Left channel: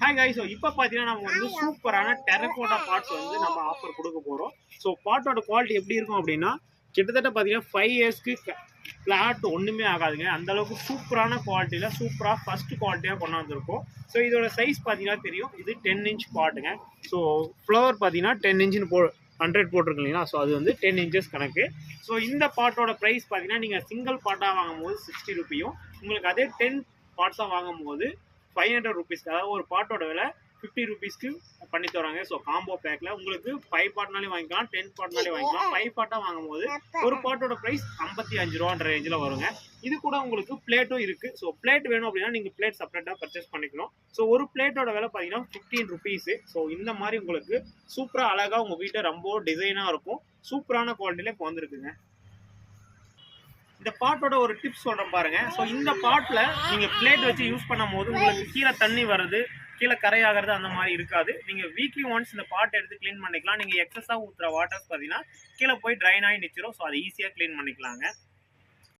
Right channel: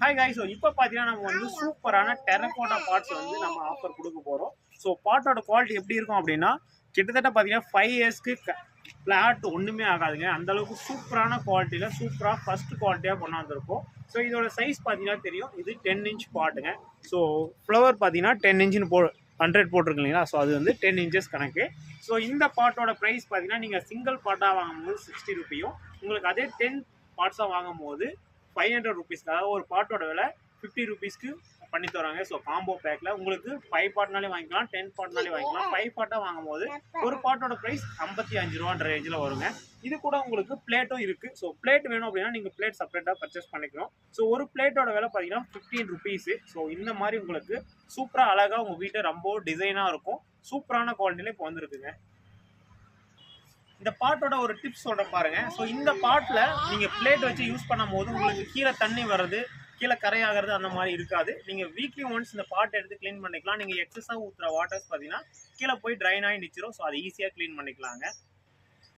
Hi காய் so இப்போ பார்த்தீங்கன்னா நம்ம வந்து சூப்பரான டெரக்கோட்டா பார்ட்ஸ் வந்து நம்ம ஆஃபர் கொடுக்க போகிறோம் ஸோ பாட்டோட குவாலிட்டி எப்படி இருக்கும் அப்படின்னா கிட்டத்தட்ட பார்த்தீங்கன்னா ஃபைவ் இயர்ஸ்க்கு ஃப்ளாட் ஒன்றுமே ஆகாதுங்க. அந்த அளவுக்கு சூப்பரான குவாலிட்டியில் சூப்பராக ஃபர்ஸ்ட் குவாலிட்டியாக கொண்டாந்துருக்கோம் ஸோ இதோட சைஸ் பார்த்தீங்கன்னா தெரியும். இது டென் இன்ச் பாட்டுங்க ஸோ ஃப்ளவர் பார்த்தீங்கன்னா டென் இன்ச்சுன்னு போ ஹண்ட்ரட் போட்டிருக்கு இல்லைங்களா? ஸோ அது வந்து டென் இன்ச்சஸ் கணக்கு. ஸோ இந்த பாட்டோட ப்ரைஸ் பார்த்தீங்கன்னா நீங்கள் சிங்கிள் பாட்டாக வாங்கும்போது சிக்ஸ்டி ருப்பியும் உங்களுக்கு அதே டென் பார்ட்ஸாக வாங்கும்போது ஃபைவ் ஹண்ட்ரட் ருபீஸ்க்கு அதாவது ஒரு பாட்டோட விலை ஃபிஃப்டி ருபீஸ்க்கு பண்ணி தராங்க. ஸோ காம்போ பேக்கில் உங்களுக்கு ஃபைவ் பாட்னாலே வாங்கிக்கலாம் டென் பாட்னாலே வாங்கிக்கலாம். ஃபைவ் பார்ட்டாக வாங்கும்போது ஒரு பாட்டோட ப்ரைஸ் ஐம்பத்தி அஞ்சு ரூபான்ற ரேஞ்சில் வருங்க. இது கூட உங்களுக்கு பிளேட்டும் இருக்குது ஸோ பிளேட் வேணும் அப்படின்னா நீங்கள் பிளேட் செப்பரேட்டாக பர்ச்சேஸ் பண்ணிக்கணும் ஸோ ஒரு பிளேட்டோட விலை பார்த்தீங்கன்னா ஃபிஃப்டீன் ருபீஸு ஸோ இந்த மாதிரி உங்களுக்கு சூப்பராக அழகாக உங்கள் வீட்டில் ரொம்ப டிசைனாக இருக்கும். சூப்பரான குவாலிட்டியில் இப்போ வந்துருக்குங்க. இந்த பாட்டோட ஒரு டிப்ஸ் சொல்கிறேன் பாருங்கள் ஸோ இந்த பாட்டில் நீங்கள் பிளேட் வச்சு யூஸ் பண்ணும் போது உங்களுக்கு கீழே தண்ணி வர்றது கீழே கரையாகிறது அந்த மாதிரி இருக்காது. நீங்கள் வீக்லி ஒன்ஸ் இந்த பாட்டை எடுத்து க்ளீன் பண்ணிக்கலாம். நீங்கள் எக்ஸஸாக ஊற்றுற வாட்டர்ஸ் பார்த்தீங்கன்னா கீழே போய் ட்ரைன் ஆகி நிச்சிரும். ஸோ அதை ஈஸியாக க்ளீன் பண்ணிக்கலாங்க.